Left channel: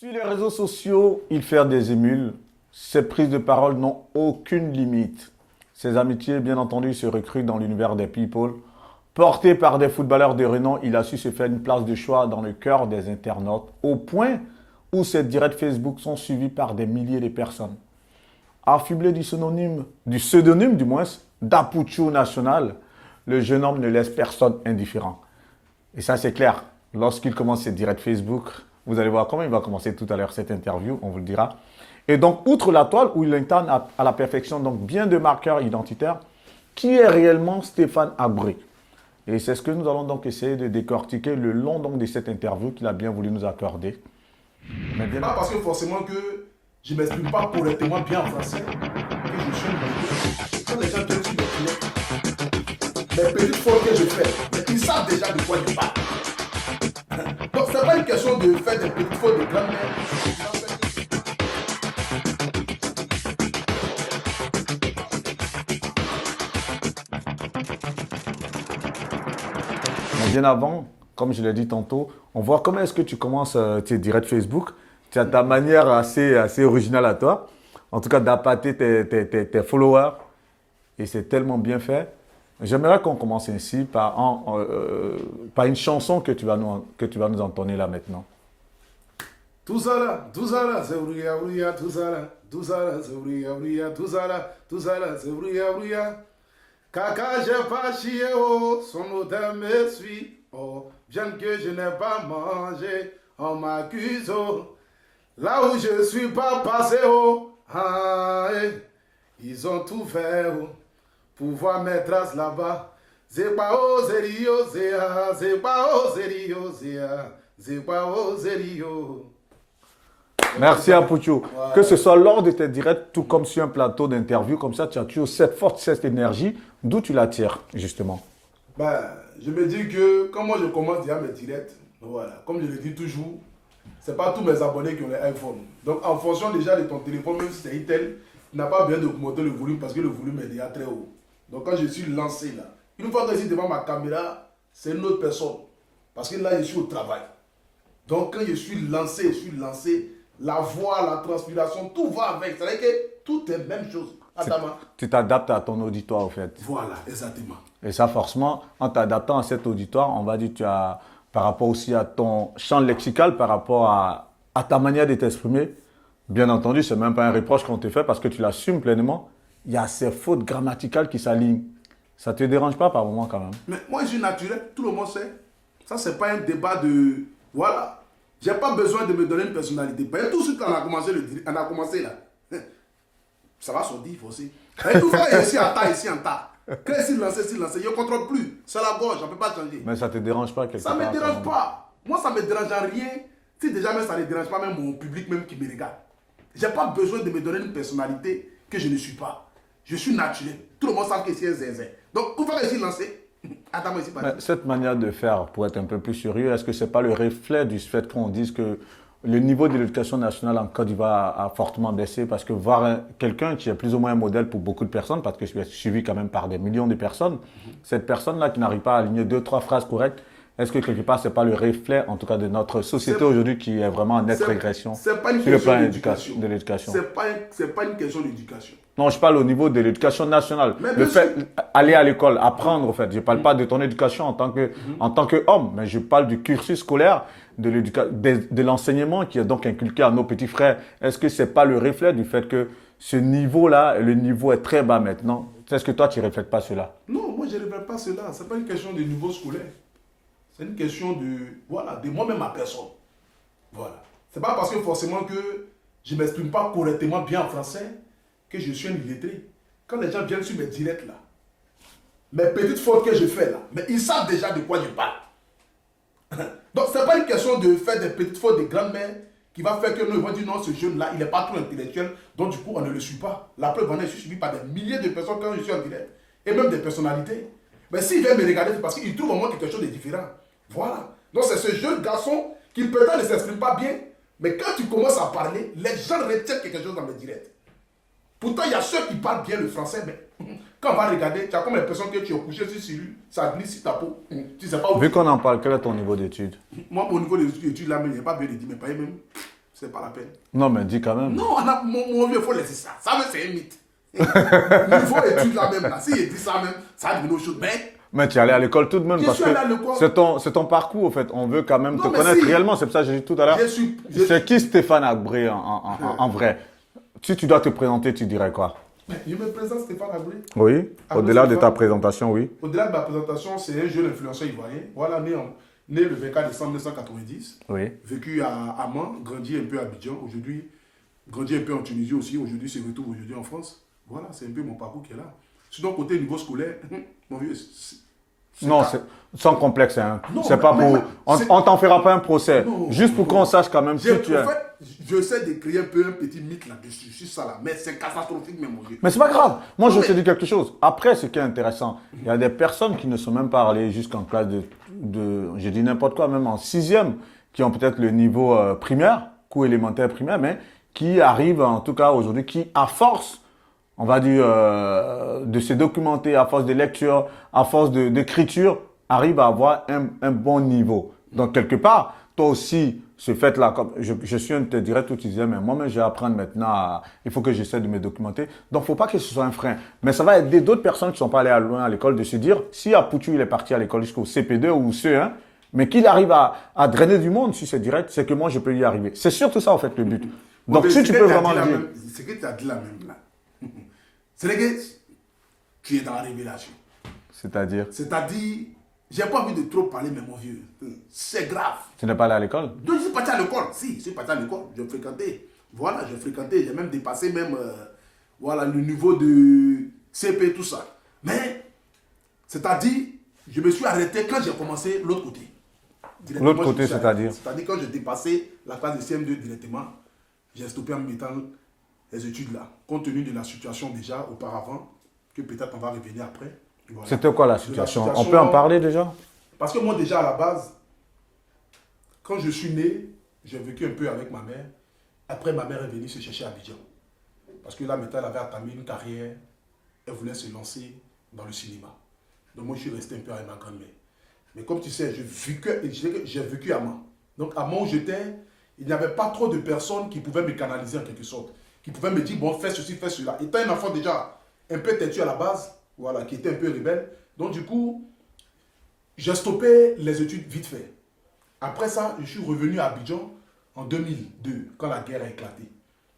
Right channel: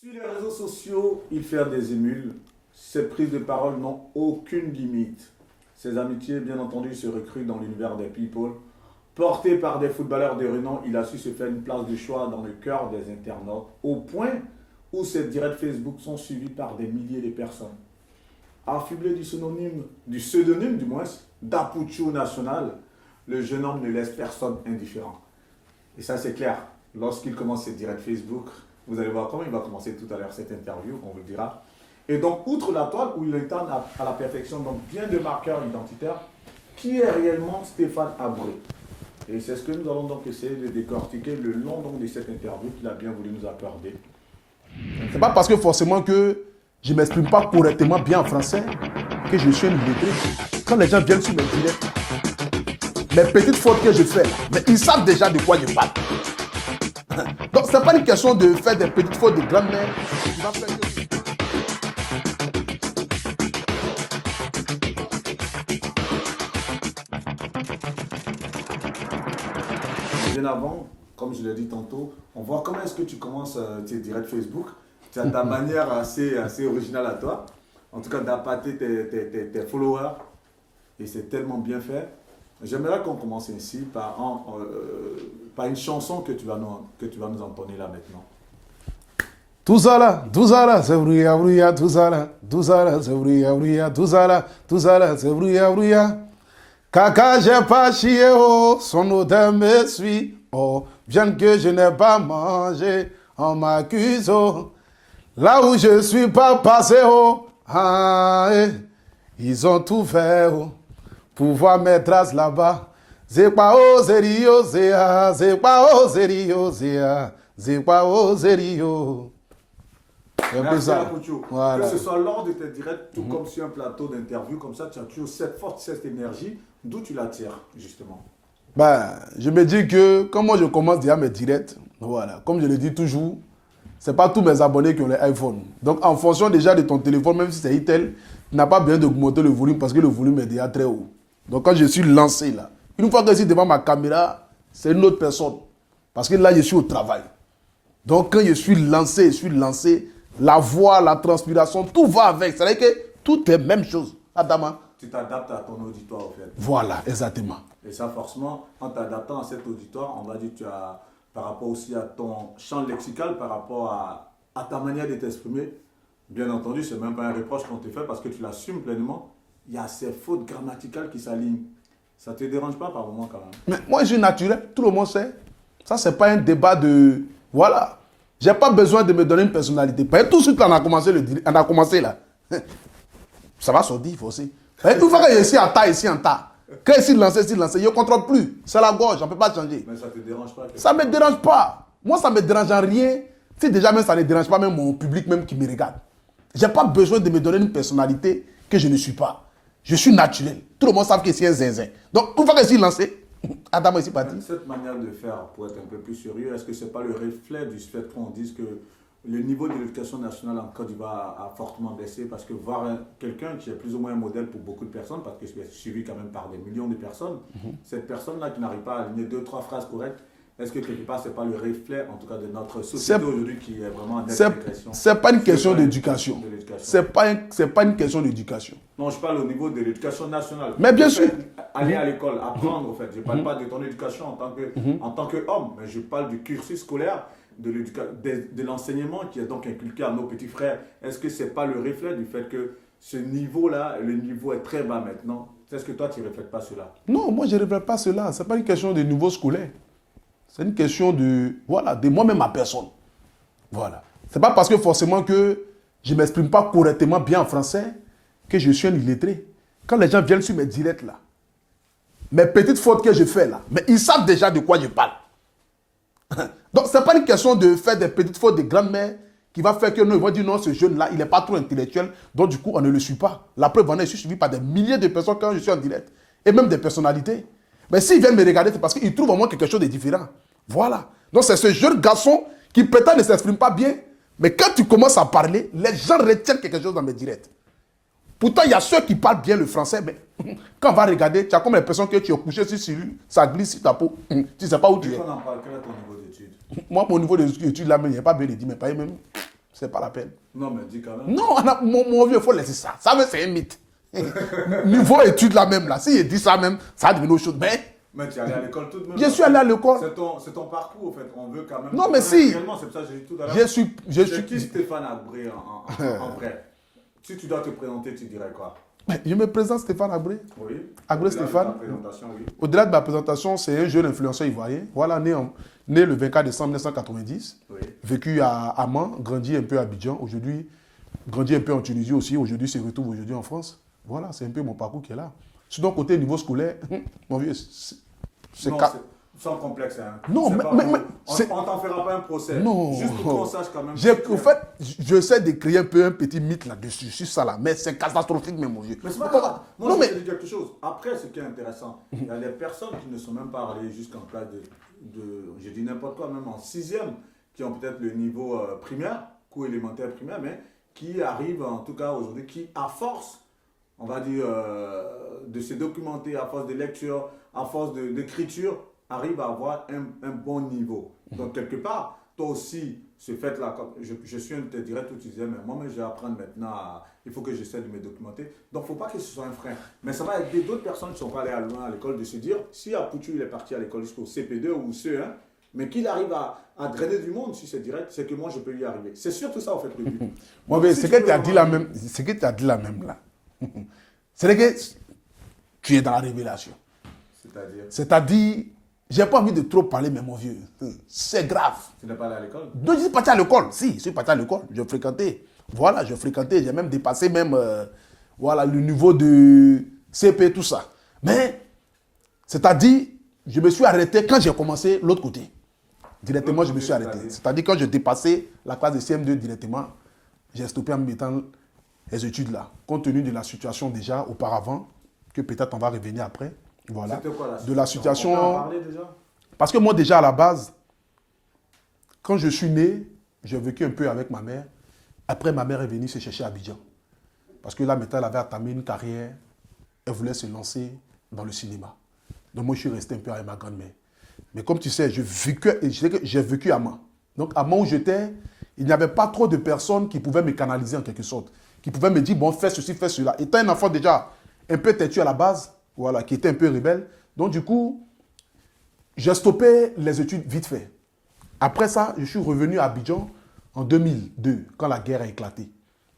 Sur les réseaux sociaux, il fait des émules. Ses prises de parole n'ont aucune limite. Ses amitiés, bien entendu, se recrutent dans l'univers des people. Porté par des footballeurs de renom, il a su se faire une place de choix dans le cœur des internautes, au point où ses directs Facebook sont suivis par des milliers de personnes. Affublé du pseudonyme du moins, d'Apucho National, le jeune homme ne laisse personne indifférent. Et ça, c'est clair. Lorsqu'il commence ses directs Facebook, vous allez voir comment il va commencer tout à l'heure cette interview, on vous le dira. Et donc, outre la toile où il incarne à la perfection donc bien de marqueurs identitaires, qui est réellement Stéphane Habré? Et c'est ce que nous allons donc essayer de décortiquer le long donc de cette interview qu'il a bien voulu nous accorder. C'est pas parce que forcément que je ne m'exprime pas correctement bien en français que je suis une beauté. Quand les gens viennent sur mes directs, les petites fautes que je fais, mais ils savent déjà de quoi je parle. Donc c'est pas une question de faire des petites fautes de grammaire. Bien avant, comme je l'ai dit tantôt, on voit comment est-ce que tu commences tes directs Facebook. Tu as ta manière assez originale à toi. En tout cas, d'appâter tes followers. Et c'est tellement bien fait. J'aimerais qu'on commence ainsi par une chanson que tu vas nous entonner là maintenant. Tout ça là, c'est brouilla, brouilla, tout ça là, c'est brouilla, brouilla, tout ça là, c'est brouilla, brouilla. Caca, j'ai pas chié, oh, son odeur me suit, oh, bien que je n'ai pas mangé, on m'accuse, oh. Là où je suis pas passé, oh, ah, ils ont tout fait, oh, pour voir mes traces là-bas. C'est pas oh, zério, c'est pas oh, zério, c'est pas oh, zério. Merci Apucho. Voilà. Que ce soit lors de tes directs, tout comme sur un plateau d'interview, comme ça, tu as toujours cette force, cette énergie. D'où tu la tires, justement? Ben, je me dis que, comme moi je commence déjà mes directs, voilà, comme je le dis toujours, c'est pas tous mes abonnés qui ont les iPhone. Donc, en fonction déjà de ton téléphone, même si c'est Itel, tu n'as pas besoin d'augmenter le volume parce que le volume est déjà très haut. Donc, quand je suis lancé là, une fois que je suis devant ma caméra, c'est une autre personne. Parce que là, je suis au travail. Donc, quand je suis lancé, la voix, la transpiration, tout va avec. C'est-à-dire que tout est même chose. Adama. Tu t'adaptes à ton auditoire, au fait. Voilà, exactement. Et ça, forcément, en t'adaptant à cet auditoire, on va dire, tu as, par rapport aussi à ton champ lexical, par rapport à ta manière de t'exprimer, bien entendu, ce n'est même pas un reproche qu'on te fait parce que tu l'assumes pleinement. Il y a ces fautes grammaticales qui s'alignent. Ça ne te dérange pas par moment quand même? Mais moi, je suis naturel, tout le monde sait. Ça, c'est pas un débat de... Voilà. J'ai pas besoin de me donner une personnalité. Parce que tout de suite, on a commencé là. Ça va sortir, il faut aussi. Tout faire ici en tas. Quand ici lancé, je ne contrôle plus. C'est la gorge, on ne peut pas changer. Mais ça ne te dérange pas? Ça ne me dérange pas. Moi, ça ne me dérange en rien. Si déjà même ça ne dérange pas même mon public même qui me regarde. Je n'ai pas besoin de me donner une personnalité que je ne suis pas. Je suis naturel. Tout le monde sait que c'est un zinzin. Donc, une fois que je suis lancé, Adam est ici parti. Cette manière de faire, pour être un peu plus sérieux, est-ce que ce n'est pas le reflet du fait qu'on dise que le niveau de l'éducation nationale en Côte d'Ivoire a fortement baissé? Parce que voir quelqu'un qui est plus ou moins un modèle pour beaucoup de personnes, parce que je suis suivi quand même par des millions de personnes, cette personne-là qui n'arrive pas à aligner 2-3 phrases correctes, est-ce que quelque part, ce n'est pas le reflet, en tout cas, de notre société aujourd'hui qui est vraiment en nette régression? Ce n'est pas une question d'éducation. Ce n'est pas une question d'éducation. Non, je parle au niveau de l'éducation nationale. Mais bien sûr. Aller à l'école, apprendre, en fait. Je ne parle pas de ton éducation en tant qu'homme, mais je parle du cursus scolaire, de l'enseignement qui est donc inculqué à nos petits frères. Est-ce que ce n'est pas le reflet du fait que ce niveau-là, le niveau est très bas maintenant? Est-ce que toi, tu ne reflètes pas cela? Non, moi, je ne reflète pas cela. Ce n'est pas une question de niveau scolaire. C'est une question de, voilà, de moi-même ma personne. Voilà. Ce n'est pas parce que forcément que je ne m'exprime pas correctement bien en français que je suis un illettré. Quand les gens viennent sur mes directs là, mes petites fautes que je fais là, mais ils savent déjà de quoi je parle. Donc, ce n'est pas une question de faire des petites fautes de grand-mère qui va faire que nous, ils vont dire non, ce jeune-là, il n'est pas trop intellectuel, donc du coup, on ne le suit pas. La preuve, je suis suivi par des milliers de personnes quand je suis en direct, et même des personnalités. Mais s'ils viennent me regarder, c'est parce qu'ils trouvent en moi quelque chose de différent. Voilà. Donc, c'est ce jeune garçon qui peut-être ne s'exprime pas bien, mais quand tu commences à parler, les gens retiennent quelque chose dans mes directs. Pourtant, il y a ceux qui parlent bien le français, mais quand on va regarder, tu as comme l'impression que tu es couché sur celui, ça glisse sur ta peau. Tu ne sais pas où Vu qu'on en parle, quel est ton niveau d'études? Moi, mon niveau d'études, là, il n'y a pas bien de dire, mais pas même. c'est pas la peine. Non, mais dis quand même. Non, mon vieux, il faut laisser ça. Ça, même, c'est un mythe. Niveau études là même, là. S'il dit ça même, ça devient autre chose. Mais tu es allé à l'école tout de même. Je parce suis allé que à l'école. C'est ton parcours, en fait. On veut quand même Non, te mais connaître si. réellement. C'est pour ça que j'ai dit tout à l'heure. C'est qui Stéphane Agbré en vrai? Si tu dois te présenter, tu dirais quoi? Je me présente Stéphane Agbré. Oui, Agbré au-delà de ta Stéphane. présentation, oui. Au-delà de ma présentation, c'est un jeune influenceur ivoirien. Voilà, né le 24 décembre 1990. Oui. Vécu à Amman, grandi un peu à Abidjan. Aujourd'hui, grandi un peu en Tunisie aussi. Aujourd'hui, se retrouve aujourd'hui en France. Voilà, c'est un peu mon parcours qui est là. Sinon, côté niveau scolaire, mon vieux, Non, c'est sans complexe. Hein. Non, c'est pas pour. On t'en fera pas un procès. Non, juste pour qu'on sache quand même qui tu es. En fait, j'essaie de créer un peu un petit mythe là-dessus, sur ça là. Mais c'est catastrophique, même mon vieux. Mais c'est pas grave. Moi, Non, je mais- te dis quelque chose. Après, ce qui est intéressant, il y a des personnes qui ne sont même pas allées jusqu'en classe je dis n'importe quoi, même en sixième, qui ont peut-être le niveau primaire, cours élémentaire primaire, mais qui arrivent, en tout cas aujourd'hui, qui, à force, on va dire, de se documenter, à force de lecture, à force d'écriture, arrivent à avoir un bon niveau. Donc, quelque part, toi aussi, ce fait-là, comme je suis un de tes directs où tu disais, mais moi-même, je vais apprendre maintenant, il faut que j'essaie de me documenter. Donc, il ne faut pas que ce soit un frein. Mais ça va aider d'autres personnes qui ne sont pas allées loin à l'école de se dire, si Apoutu, il est parti à l'école jusqu'au CP2 ou CE1, mais qu'il arrive à drainer du monde sur ce direct, c'est que moi, je peux y arriver. C'est surtout ça, en fait, le but. Donc, Donc, si tu peux vraiment dire- ce que tu as dit là même là, c'est que tu es dans la révélation. C'est-à-dire, C'est-à-dire, j'ai pas envie de trop parler, mais mon vieux, c'est grave. tu n'es pas allé à l'école? Donc, je suis parti à l'école. Si, je suis parti à l'école. Je fréquentais. Voilà, je fréquentais. J'ai même dépassé même, voilà, le niveau de CP, tout ça. Mais, c'est-à-dire, je me suis arrêté quand j'ai commencé l'autre côté. Directement, L'autre je me côté, suis arrêté. c'est-à-dire? C'est-à-dire, quand je dépassais la classe de CM2 directement, j'ai stoppé en me mettant les études là. Compte tenu de la situation déjà auparavant, que peut-être on va revenir après. Voilà. C'était quoi la De la situation? situation- On peut en parler déjà? Parce que moi, déjà, à la base, quand je suis né, j'ai vécu un peu avec ma mère. Après, ma mère est venue se chercher à Abidjan. Parce que là, maintenant, elle avait entamé une carrière. Elle voulait se lancer dans le cinéma. Donc, moi, je suis resté un peu avec ma grand-mère. Mais comme tu sais, j'ai vécu à Mans. Donc, à Mans où j'étais, il n'y avait pas trop de personnes qui pouvaient me canaliser en quelque sorte. Qui pouvaient me dire, bon, fais ceci, fais cela. Étant un enfant déjà un peu têtu à la base, voilà, qui était un peu rebelle. Donc, du coup, j'ai stoppé les études vite fait. Après ça, je suis revenu à Abidjan en 2002, quand la guerre a éclaté.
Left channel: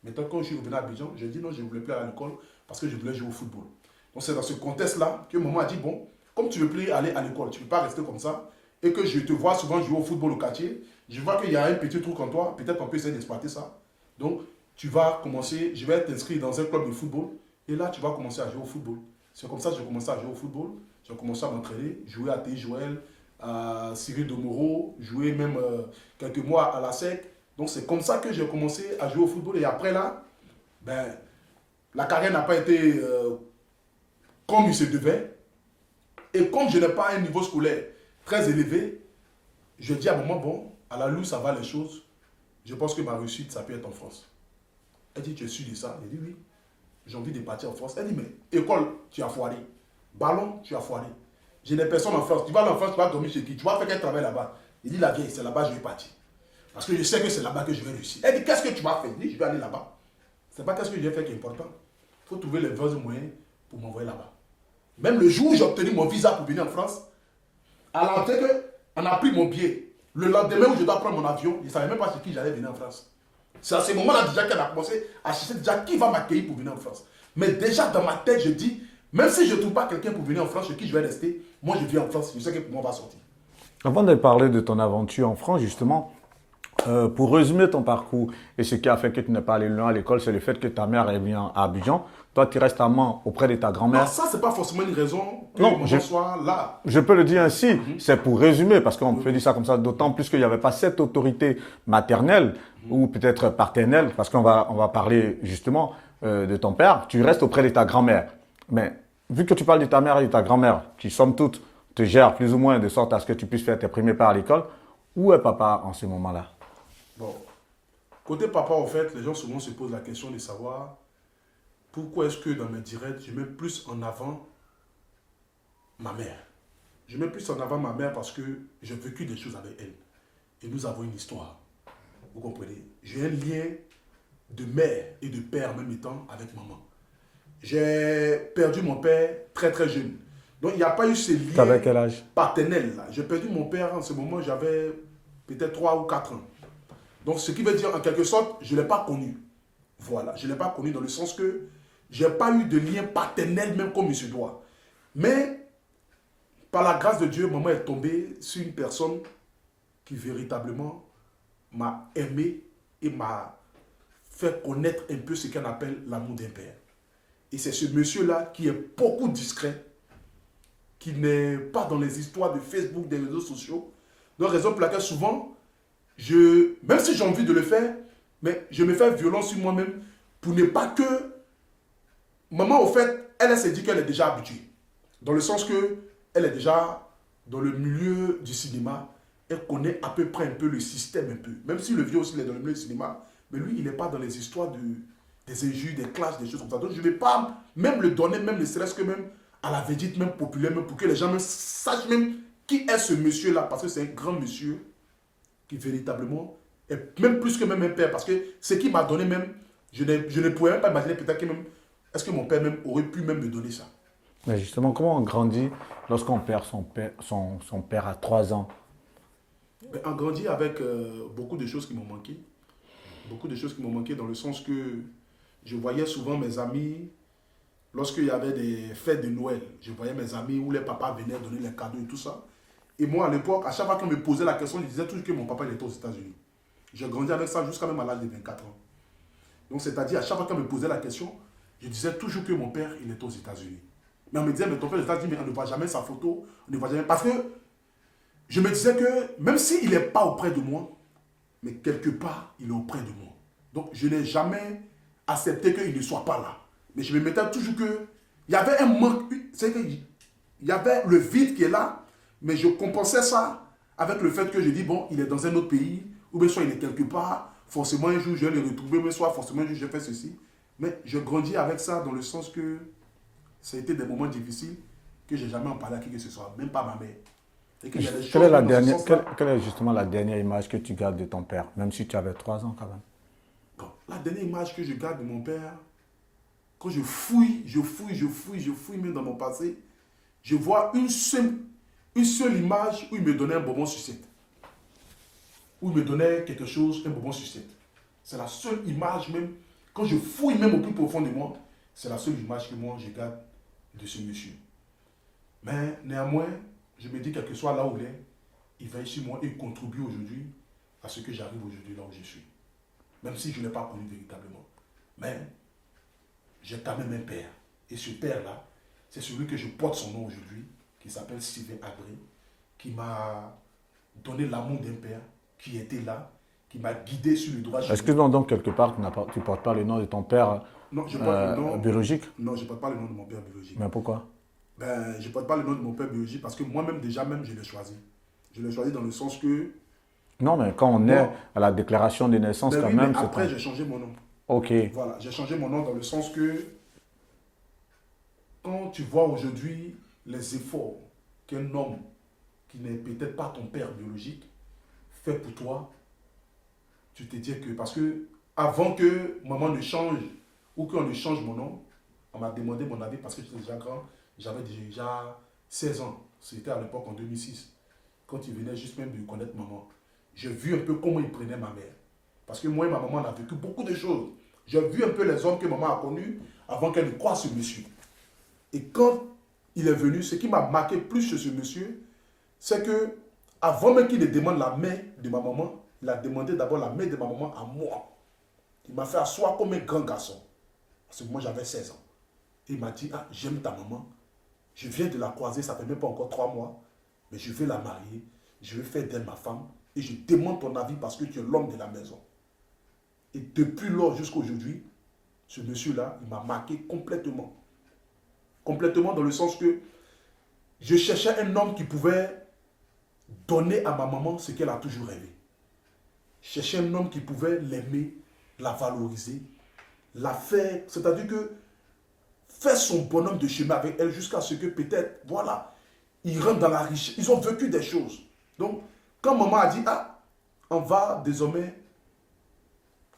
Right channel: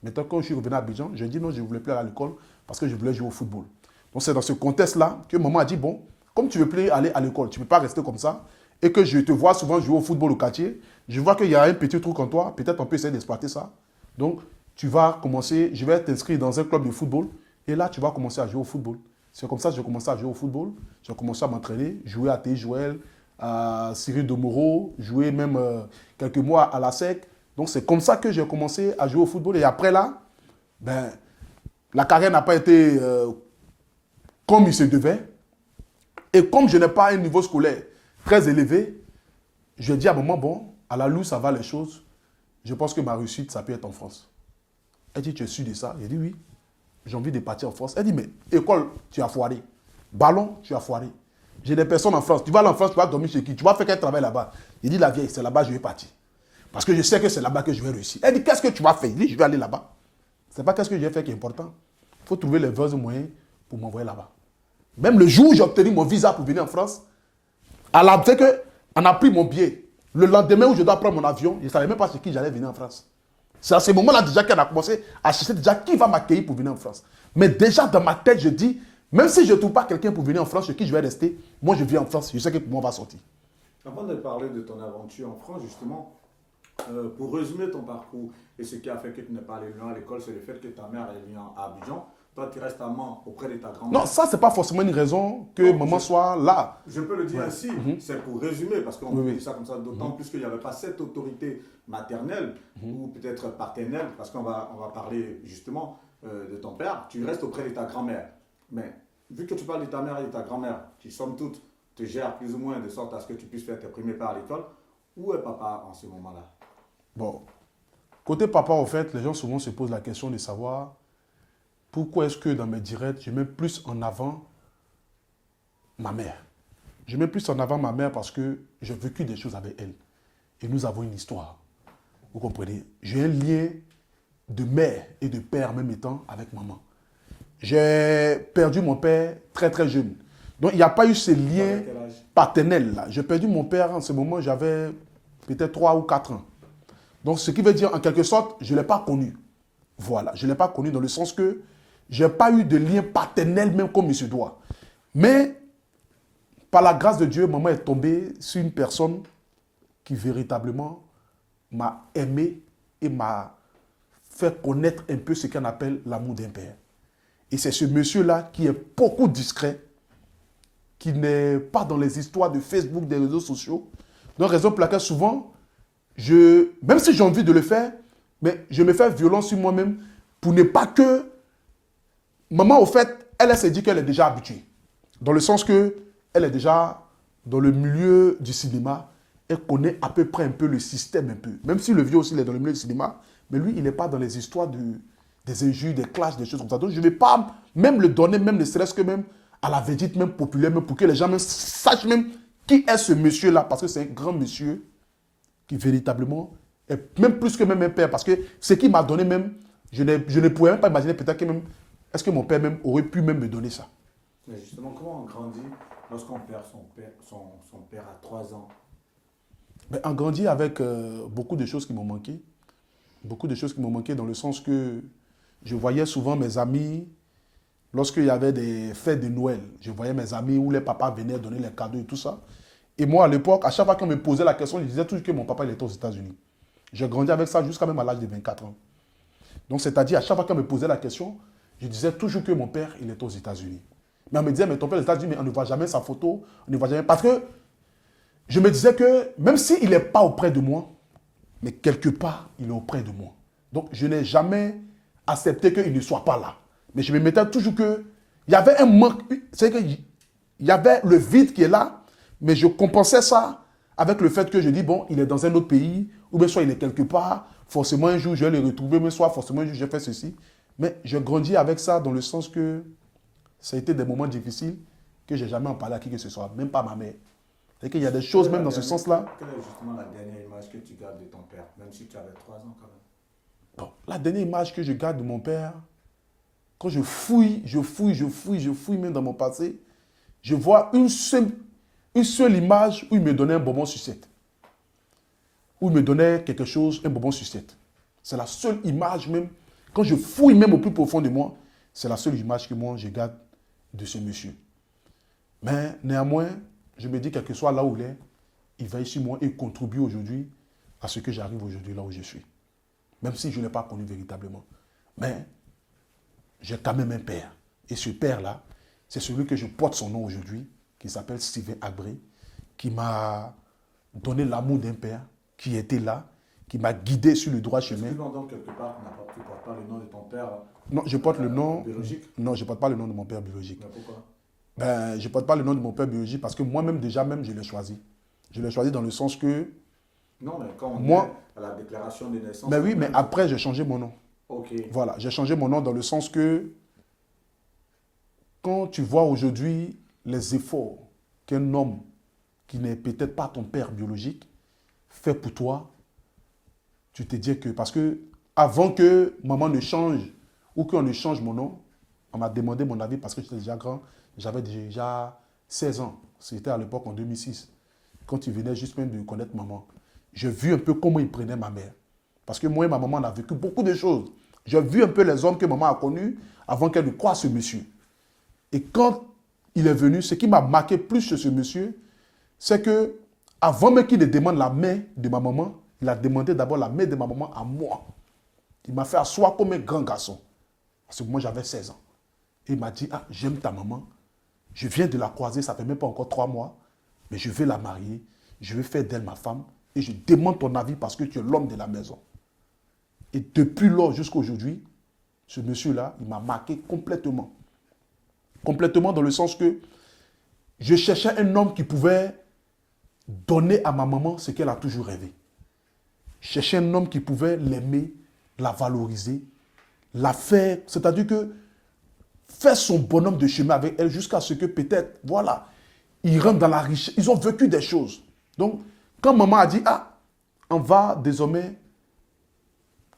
Maintenant, quand je suis revenu à Abidjan, j'ai dit non, je ne voulais plus aller à l'école parce que je voulais jouer au football. Donc, c'est dans ce contexte-là que maman a dit, bon, comme tu ne veux plus aller à l'école, tu ne peux pas rester comme ça, et que je te vois souvent jouer au football au quartier, je vois qu'il y a un petit truc en toi, peut-être on peut essayer d'exploiter ça. Donc, tu vas commencer, je vais t'inscrire dans un club de football, et là, tu vas commencer à jouer au football. C'est comme ça que j'ai commencé à jouer au football. J'ai commencé à m'entraîner, jouer à T. Joël, à Cyril de Moreau, jouer même quelques mois à la SEC. Donc c'est comme ça que j'ai commencé à jouer au football. Et après là, ben, la carrière n'a pas été comme il se devait. Et comme je n'ai pas un niveau scolaire très élevé, je dis à un moment, bon, à la louche, ça va les choses. Je pense que ma réussite, ça peut être en France. Elle dit, tu es sûr de ça? J'ai dit, oui. J'ai envie de partir en France. Elle dit, mais école, tu as foiré. Ballon, tu as foiré. J'ai des personnes en France. Tu vas aller en France, tu vas dormir chez qui? Tu vas faire quel travail là-bas? J'ai dit, la vieille, c'est là-bas que je vais partir. Parce que je sais que c'est là-bas que je vais réussir. Elle dit, qu'est-ce que tu vas faire? Je dis, je vais aller là-bas. Ce n'est pas qu'est-ce que je vais faire qui est important. Il faut trouver les vrais moyens pour m'envoyer là-bas. Même le jour où j'ai obtenu mon visa pour venir en France, c'est qu'on a pris mon billet. Le lendemain où je dois prendre mon avion, je ne savais même pas chez qui j'allais venir en France. C'est à ce moment-là déjà qu'elle a commencé à chercher déjà qui va m'accueillir pour venir en France. Mais déjà dans ma tête, je dis, même si je ne trouve pas quelqu'un pour venir en France, chez qui je vais rester, moi je viens en France, je sais que pour moi on va sortir. Avant de parler de ton aventure en France, justement, pour résumer ton parcours et ce qui a fait que tu n'es pas allé loin à l'école, c'est le fait que ta mère est venue à Abidjan. Toi, tu restes à Mans auprès de ta Non, grand-mère. ça, ce n'est pas forcément une raison que Non, maman soit là. Je peux le dire ainsi, c'est pour résumer, parce qu'on peut dire ça comme ça, d'autant plus qu'il n'y avait pas cette autorité maternelle ou peut-être paternelle, parce qu'on va parler justement de ton père. Tu restes auprès de ta grand-mère. Mais vu que tu parles de ta mère et de ta grand-mère, qui somme toute te gèrent plus ou moins de sorte à ce que tu puisses faire tes premiers pas à l'école, où est papa en ce moment-là? Bon, côté papa, en fait, les gens souvent se posent la question de savoir pourquoi est-ce que dans mes directs, je mets plus en avant ma mère. Je mets plus en avant ma mère parce que j'ai vécu des choses avec elle. Et nous avons une histoire. Vous comprenez? J'ai un lien de mère et de père en même temps avec maman. J'ai perdu mon père très très jeune. Donc il n'y a pas eu ce Tu avais lien quel âge? paternel là. J'ai perdu mon père en ce moment, j'avais peut-être 3 ou 4 ans. Donc ce qui veut dire en quelque sorte, je ne l'ai pas connu. Voilà, je ne l'ai pas connu dans le sens que je n'ai pas eu de lien paternel même comme il se doit. Mais par la grâce de Dieu, maman est tombée sur une personne qui véritablement m'a aimé et m'a fait connaître un peu ce qu'on appelle l'amour d'un père. Et c'est ce monsieur-là qui est beaucoup discret, qui n'est pas dans les histoires de Facebook, des réseaux sociaux. Donc, raison pour laquelle souvent, même si j'ai envie de le faire, mais je me fais violence sur moi-même pour ne pas que... Maman, au fait, elle s'est dit qu'elle est déjà habituée. Dans le sens que elle est déjà dans le milieu du cinéma. Elle connaît à peu près un peu le système un peu. Même si le vieux aussi il est dans le milieu du cinéma, mais lui, il n'est pas dans les histoires des injures, des clashs, des choses comme ça. Donc, je ne vais pas même le donner, même ne serait-ce que même à la vedette, même populaire, même pour que les gens même sachent même qui est ce monsieur-là. Parce que c'est un grand monsieur qui véritablement est même plus que même un père. Parce que ce qu'il m'a donné même, je ne pourrais même pas imaginer peut-être que même, est-ce que mon père même aurait pu même me donner ça. Mais justement, comment on grandit lorsqu'on perd son père à 3 ans? Ben, on grandit avec beaucoup de choses qui m'ont manqué. Beaucoup de choses qui m'ont manqué dans le sens que je voyais souvent mes amis, lorsqu'il y avait des fêtes de Noël, je voyais mes amis où les papas venaient donner les cadeaux et tout ça. Et moi, à l'époque, à chaque fois qu'on me posait la question, je disais toujours que mon papa il était aux États-Unis. J'ai grandi avec ça jusqu'à même à l'âge de 24 ans. Donc, c'est-à-dire, à chaque fois qu'on me posait la question, je disais toujours que mon père, il était aux États-Unis. Mais on me disait, mais ton père est aux États-Unis, mais on ne voit jamais sa photo, on ne voit jamais. Parce que je me disais que même s'il n'est pas auprès de moi, mais quelque part, il est auprès de moi. Donc, je n'ai jamais accepté qu'il ne soit pas là. Mais je me mettais toujours que... Il y avait un manque, c'est qu'il y avait le vide qui est là, mais je compensais ça avec le fait que je dis, bon, il est dans un autre pays, ou bien soit il est quelque part, forcément un jour je vais le retrouver, mais soit forcément un jour je fais ceci. Mais je grandis avec ça dans le sens que ça a été des moments difficiles que je n'ai jamais en parlé à qui que ce soit, même pas à ma mère. Et qu'il y a des choses même dans ce sens-là. Quelle est justement la dernière image que tu gardes de ton père, même si tu avais 3 ans quand même? Bon, la dernière image que je garde de mon père, quand je fouille même dans mon passé, je vois une seule image où il me donnait un bonbon sucette. Où il me donnait quelque chose, un bonbon sucette. C'est la seule image même, quand je fouille même au plus profond de moi, c'est la seule image que moi je garde de ce monsieur. Mais néanmoins, je me dis quel que soit là où il est, il veille sur moi et contribue aujourd'hui à ce que j'arrive aujourd'hui là où je suis. Même si je ne l'ai pas connu véritablement. Mais j'ai quand même un père. Et ce père-là, c'est celui que je porte son nom aujourd'hui, qui s'appelle Steven Abré, qui m'a donné l'amour d'un père, qui était là, qui m'a guidé sur le droit chemin. Excuse-moi donc, quelque part, tu ne portes pas le nom de ton père Non, je porte le nom biologique? Non, je ne porte pas le nom de mon père biologique. Mais pourquoi? Ben, je ne porte pas le nom de mon père biologique parce que moi-même, déjà, même, je l'ai choisi. Je l'ai choisi dans le sens que... Non, mais quand on est à la déclaration de naissance, Ben quand oui, même, mais après, j'ai changé mon nom. Ok. Voilà, j'ai changé mon nom dans le sens que quand tu vois aujourd'hui les efforts qu'un homme qui n'est peut-être pas ton père biologique fait pour toi, tu te dis que... Parce que avant que maman ne change ou qu'on ne change mon nom, on m'a demandé mon avis parce que j'étais déjà grand. J'avais déjà 16 ans. C'était à l'époque en 2006. Quand il venait juste même de connaître maman. J'ai vu un peu comment il prenait ma mère. Parce que moi et ma maman, on a vécu beaucoup de choses. J'ai vu un peu les hommes que maman a connus avant qu'elle ne croie ce monsieur. Et quand il est venu, ce qui m'a marqué plus chez ce monsieur, c'est que avant même qu'il ne demande la main de ma maman, il a demandé d'abord la main de ma maman à moi. Il m'a fait asseoir comme un grand garçon. Parce que moi, j'avais 16 ans. Et il m'a dit, ah, j'aime ta maman. Je viens de la croiser, ça ne fait même pas encore 3 mois. Mais je vais la marier. Je vais faire d'elle ma femme. Et je demande ton avis parce que tu es l'homme de la maison. Et depuis lors jusqu'à aujourd'hui, ce monsieur-là, il m'a marqué complètement. Complètement dans le sens que je cherchais un homme qui pouvait donner à ma maman ce qu'elle a toujours rêvé. Je cherchais un homme qui pouvait l'aimer, la valoriser, la faire, c'est-à-dire que faire son bonhomme de chemin avec elle jusqu'à ce que peut-être, voilà, ils rentrent dans la richesse. Ils ont vécu des choses. Donc, quand maman a dit, ah, on va désormais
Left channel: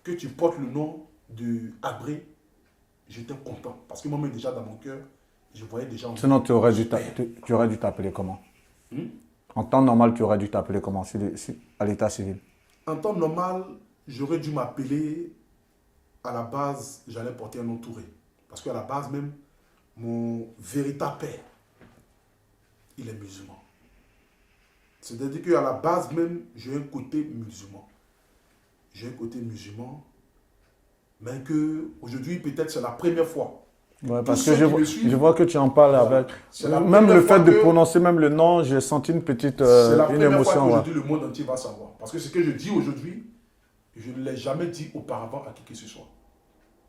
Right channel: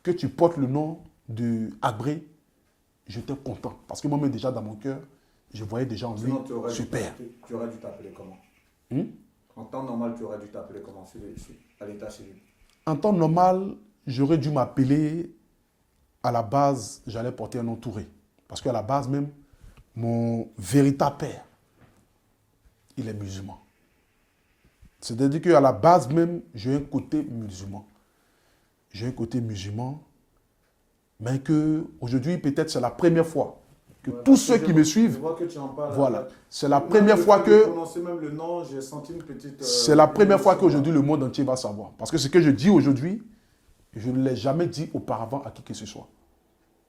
que tu portes le nom de Abré, j'étais content. Parce que moi-même, déjà dans mon cœur, je voyais déjà en lui Sinon, tu aurais ce dû père. t'appeler comment? Hmm? En temps normal, tu aurais dû t'appeler comment à l'état civil? En temps normal, j'aurais dû m'appeler, à la base, j'allais porter un nom Touré. Parce qu'à la base même, mon véritable père, il est musulman. C'est-à-dire qu'à la base même, j'ai un côté musulman. J'ai un côté musulman, mais que aujourd'hui peut-être c'est la première fois que Ouais, tous parce que ceux qui me suivent, je vois que tu en parles voilà, avec. c'est la Même première le fois fait de que prononcer même le nom, j'ai senti une petite c'est la une première fois émotion, qu'aujourd'hui ouais. le monde entier va savoir. Parce que ce que je dis aujourd'hui, je ne l'ai jamais dit auparavant à qui que ce soit.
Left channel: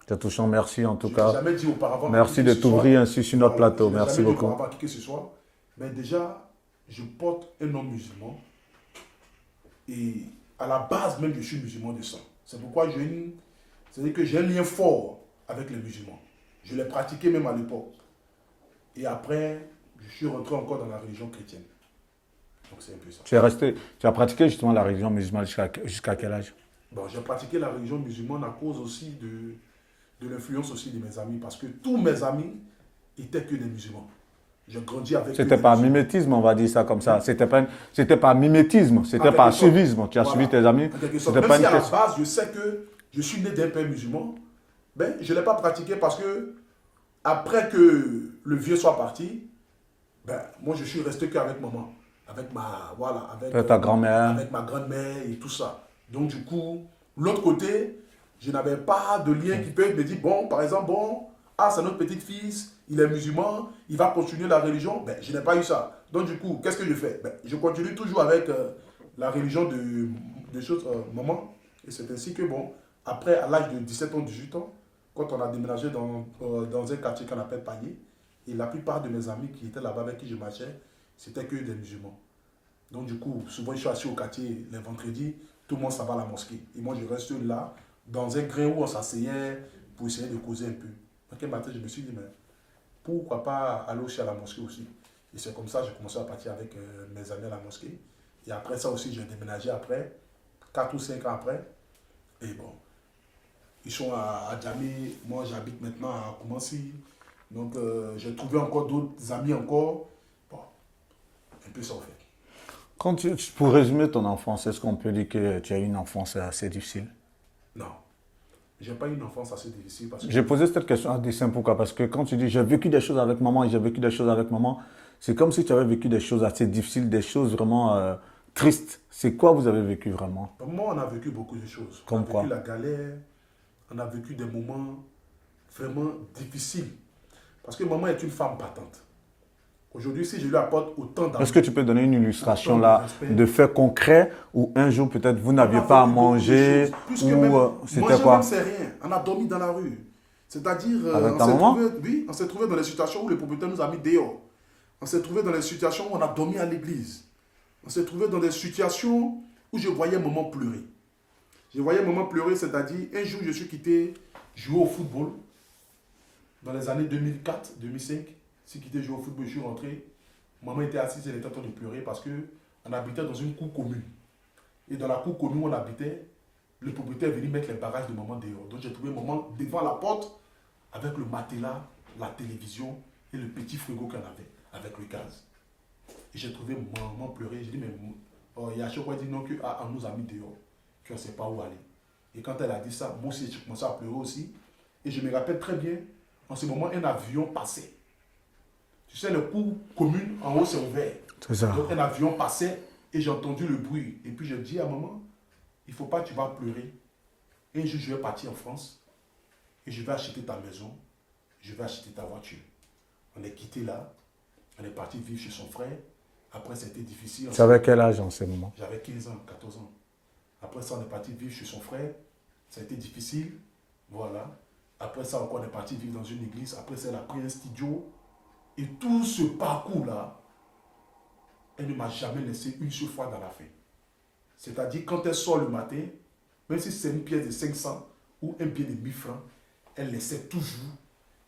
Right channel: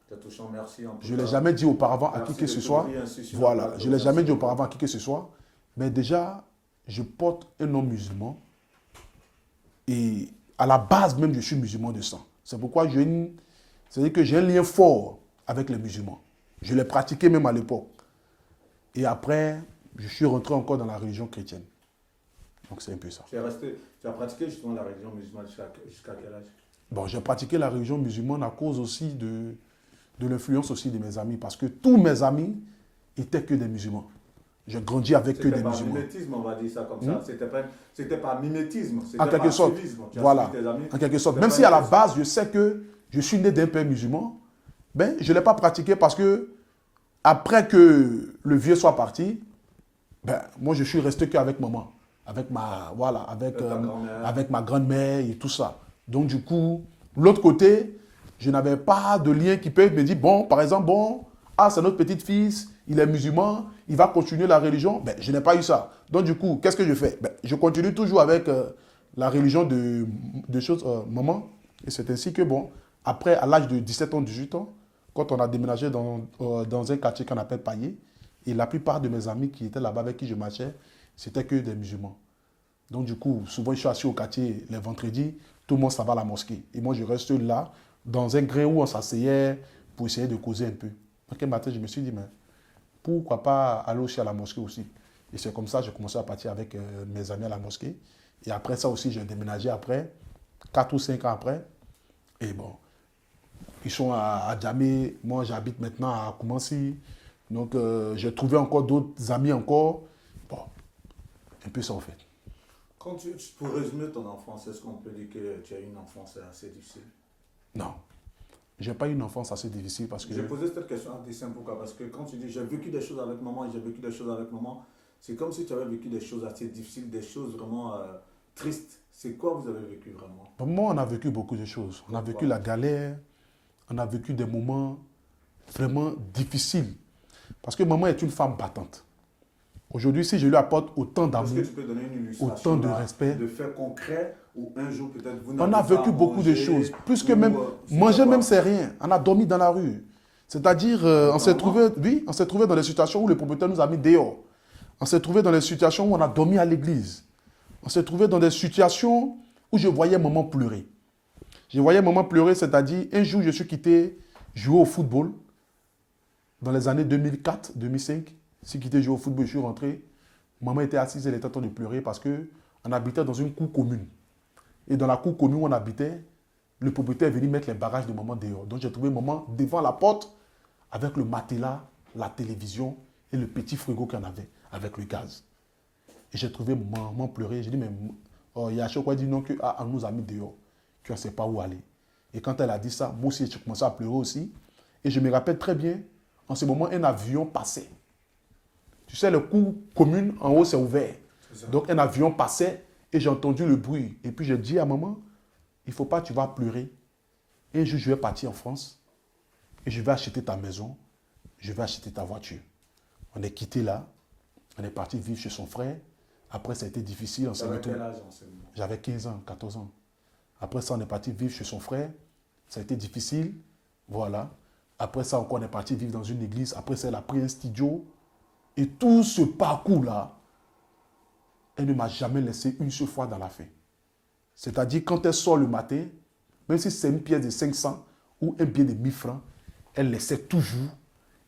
C'est touchant, merci en tout Je ne l'ai cas. jamais dit auparavant à qui Merci que de ce soit. t'ouvrir ainsi sur notre Voilà, plateau. je ne l'ai Merci jamais dit beaucoup. auparavant à qui que ce soit. Mais déjà, je porte un nom musulman. Et à la base même, je suis musulman de sang. C'est pourquoi c'est-à-dire que j'ai un lien fort avec les musulmans. Je l'ai pratiqué même à l'époque. Et après, je suis rentré encore dans la religion chrétienne. Donc c'est un peu ça. Tu as pratiqué justement la religion musulmane jusqu'à quel âge? Bon, j'ai pratiqué la religion musulmane à cause aussi de l'influence aussi de mes amis. Parce que tous mes amis étaient que des musulmans. J'ai grandi avec eux. C'était pas mimétisme, on va dire ça comme ça. Hmm. C'était pas mimétisme, En c'était quelque pas sorte. suivisme. Tu as Voilà. suivi tes amis. En quelque sorte. C'était Même pas si une à la question- base, je sais que je suis né d'un père musulman, ben, je ne l'ai pas pratiqué parce que après que le vieux soit parti, ben, moi je suis resté qu'avec maman. Avec ma, voilà, avec, Ta grand-mère. avec ma grand-mère et tout ça. Donc du coup, l'autre côté, je n'avais pas de lien qui peut me dire, bon, par exemple, bon, ah, c'est notre petit-fils, il est musulman, il va continuer la religion. Ben, je n'ai pas eu ça. Donc du coup, qu'est-ce que je fais? Ben, je continue toujours avec la religion de choses, maman. Et c'est ainsi que, bon, après, à l'âge de 17 ans, 18 ans, quand on a déménagé dans un quartier qu'on appelle Pagné, et la plupart de mes amis qui étaient là-bas avec qui je marchais, c'était que des musulmans. Donc du coup, souvent je suis assis au quartier les vendredis, tout le monde s'en va à la mosquée. Et moi je reste là, dans un gré où on s'asseyait pour essayer de causer un peu. Donc un matin, je me suis dit, mais pourquoi pas aller aussi à la mosquée aussi? Et c'est comme ça que j'ai commencé à partir avec mes amis à la mosquée. Et après ça aussi, j'ai déménagé après, 4 ou 5 ans après. Et bon, ils sont à Djamé, moi j'habite maintenant à Koumassi. Donc j'ai trouvé encore d'autres amis encore. Bon, un peu ça en fait. Pour résumer ton enfance, est-ce qu'on peut dire que tu as eu une enfance assez difficile? Non, j'ai pas eu une enfance assez difficile parce que... J'ai posé cette question à dessein, pourquoi? Parce que quand tu dis j'ai vécu des choses avec maman et j'ai vécu des choses avec maman, c'est comme si tu avais vécu des choses assez difficiles, des choses vraiment tristes. C'est quoi vous avez vécu vraiment? Pour moi, on a vécu beaucoup de choses. On a Comme vécu quoi? la galère, on a vécu des moments vraiment difficiles. Parce que maman est une femme battante. Aujourd'hui, si je lui apporte autant d'amour... Est-ce que tu peux donner une illustration autant de là respect, de faits concrets où un jour peut-être vous on a n'aviez pas à vécu beaucoup de manger choses. Plus ou, que même... c'était manger quoi? même, c'est rien. On a dormi dans la rue. C'est-à-dire, Avec on ta s'est maman? trouvé, oui, on s'est trouvé dans des situations où le propriétaire nous a mis dehors. On s'est trouvé dans des situations où on a dormi à l'église. On s'est trouvé dans des situations où je voyais maman pleurer. Je voyais maman pleurer, c'est-à-dire, un jour, je suis quitté jouer au football. Dans les années 2004, 2005, je suis quitté jouer au football, je suis rentré. Maman était assise, elle était en train de pleurer parce qu'on habitait dans une cour commune. Et dans la cour commune où on habitait, le propriétaire est venu mettre les bagages de maman dehors. Donc j'ai trouvé maman devant la porte avec le matelas, la télévision et le petit frigo qu'on avait avec le gaz. Et j'ai trouvé maman pleurer. J'ai dit, mais il y a chaque fois dit non, qu'on nous a mis dehors, qu'on ne sait pas où aller. Et quand elle a dit ça, moi aussi j'ai commencé à pleurer aussi. Et je me rappelle très bien, en ce moment, un avion passait. Tu sais, le cours commune, en haut, c'est ouvert. C'est ça. Donc un avion passait et j'ai entendu le bruit. Et puis j'ai dit à maman, il ne faut pas que tu vas pleurer. Et un jour, je vais partir en France et je vais acheter ta maison, je vais acheter ta voiture. On est quitté là, on est parti vivre chez son frère. Après, ça a été difficile. Tu avais quel âge en ce moment? J'avais 15 ans, 14 ans. Après ça, on est parti vivre chez son frère. Ça a été difficile. Voilà. Après ça, encore, on est parti vivre dans une église. Après ça, elle a pris un studio. Et tout ce parcours-là, elle ne m'a jamais laissé une seule fois dans la faim. C'est-à-dire, quand elle sort le matin, même si c'est une pièce de 500 ou un billet de 1000 francs, elle laissait toujours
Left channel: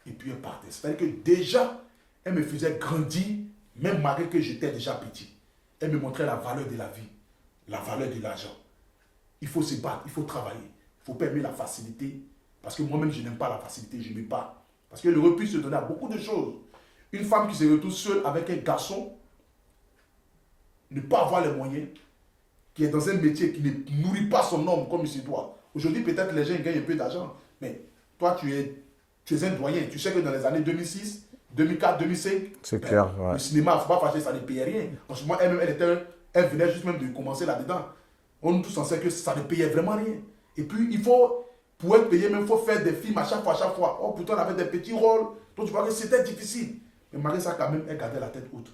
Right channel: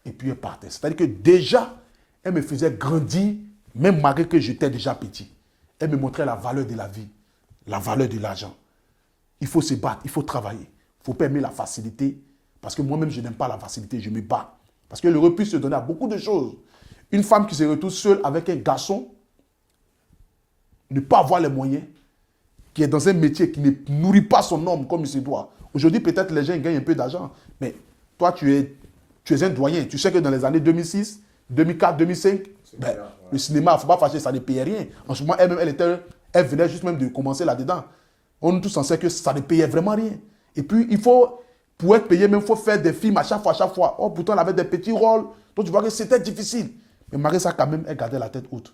et puis elle partait. C'est-à-dire que déjà, elle me faisait grandir, même malgré que j'étais déjà petit. Elle me montrait la valeur de la vie, la valeur de l'argent. Il faut se battre, il faut travailler, il ne faut pas aimer la facilité. Parce que moi-même, je n'aime pas la facilité, je me bats. Parce que le repus se donne à beaucoup de choses. Une femme qui se retrouve seule avec un garçon, ne pas avoir les moyens, qui est dans un métier qui ne nourrit pas son homme comme il se doit. Aujourd'hui, peut-être les gens gagnent un peu d'argent, mais toi, tu es un doyen. Tu sais que dans les années 2006, 2004, 2005, C'est clair, ouais. le cinéma, il ne faut pas fâcher, ça ne payait rien. En ce moment, elle venait juste même de commencer là-dedans. On est tous en sait que ça ne payait vraiment rien. Et puis, pour être payé, même, il faut faire des films à chaque fois. Oh, pourtant, elle avait des petits rôles. Donc, tu vois que c'était difficile. Mais Marissa, quand même, elle gardait la tête haute.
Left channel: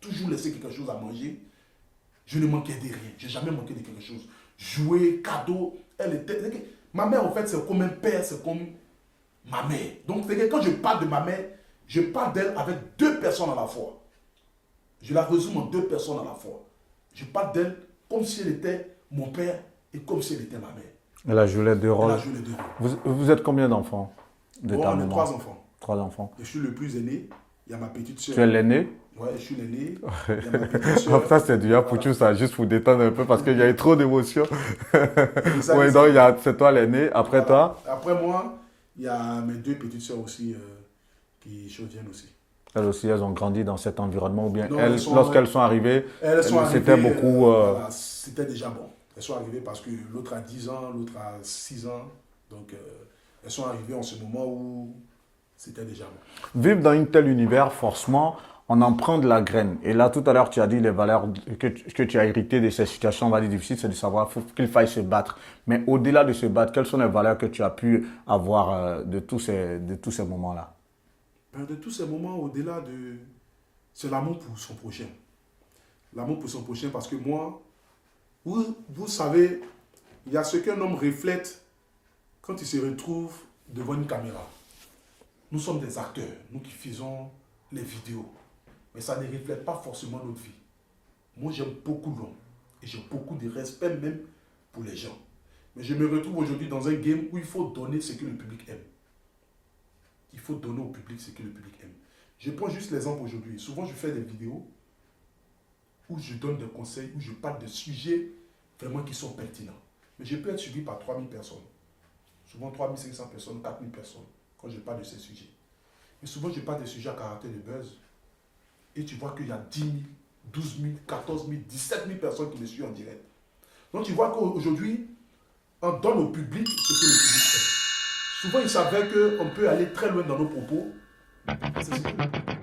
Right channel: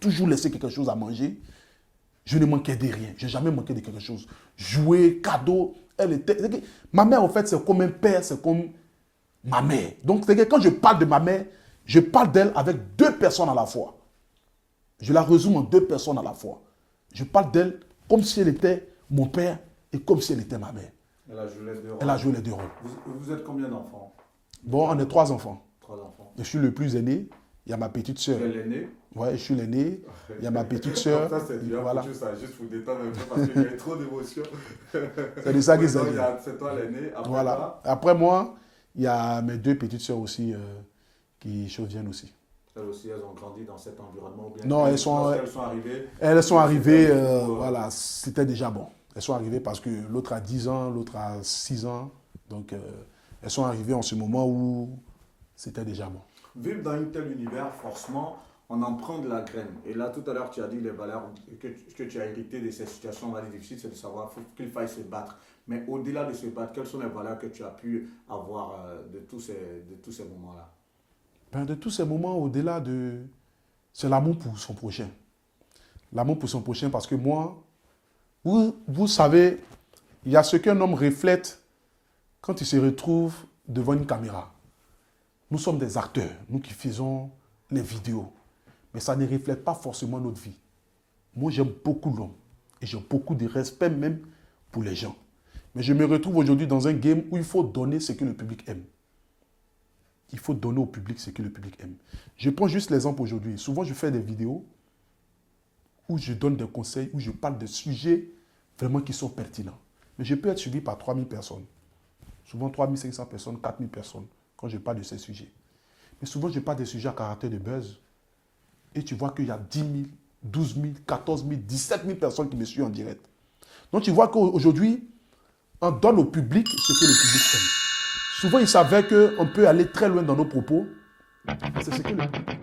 Toujours laisser quelque chose à manger. Je ne manquais de rien. Je n'ai jamais manqué de quelque chose. Jouer, cadeau, elle était... Ma mère, en fait, c'est comme un père, c'est comme ma mère. Donc, c'est que quand je parle de ma mère, je parle d'elle avec deux personnes à la fois. Je la résume en deux personnes à la fois. Je parle d'elle comme si elle était mon père et comme si elle était ma mère. Elle a joué les deux rôles. Elle a joué les deux rôles. Vous êtes combien d'enfants? Bon, on est 3 enfants. 3 enfants. Je suis le plus aîné. Il y a ma petite soeur. Tu es l'aîné? Ouais, je suis l'aîné. Il y a ma petite soeur. Ça, c'est déjà pour ça, juste pour détendre un peu parce qu'il y a eu trop d'émotions. Ça, Ouais, donc, c'est toi l'aîné. Après voilà. toi? Après moi, il y a mes deux petites soeurs aussi qui viennent aussi. Elles aussi, elles ont grandi dans cet environnement ou bien Non, lorsqu'elles sont arrivées, elles sont arrivées, beaucoup, voilà, c'était déjà bon. Elles sont arrivées parce que l'autre a 10 ans, l'autre a 6 ans. Donc, elles sont arrivées en ce moment où c'était déjà bon. Vivre dans un tel univers, forcément, on en prend de la graine. Et là, tout à l'heure, tu as dit les valeurs que tu as héritées de ces situations, on va dire, difficiles, c'est de savoir qu'il faille se battre. Mais au-delà de se battre, quelles sont les valeurs que tu as pu avoir de tous ces moments-là? De tous ces moments, au-delà c'est l'amour pour son prochain. L'amour pour son prochain, parce que moi, vous savez, il y a ce qu'un homme reflète quand il se retrouve devant une caméra. Nous sommes des acteurs, nous qui faisons les vidéos. Mais ça ne reflète pas forcément notre vie. Moi, j'aime beaucoup l'homme. Et j'ai beaucoup de respect même pour les gens. Mais je me retrouve aujourd'hui dans un game où il faut donner ce que le public aime. Il faut donner au public ce que le public aime. Je prends juste l'exemple aujourd'hui. Souvent, je fais des vidéos où je donne des conseils, où je parle de sujets vraiment qui sont pertinents. Mais je peux être suivi par 3000 personnes. Souvent 3500 personnes, 4000 personnes, quand je parle de ces sujets. Mais souvent, je parle des sujets à caractère de buzz. Et tu vois qu'il y a 10 000, 12 000, 14 000, 17 000 personnes qui me suivent en direct. Donc, tu vois qu'aujourd'hui, on donne au public ce que le public aime. Souvent, il s'avère qu'on peut aller très loin dans nos propos. C'est ce que le public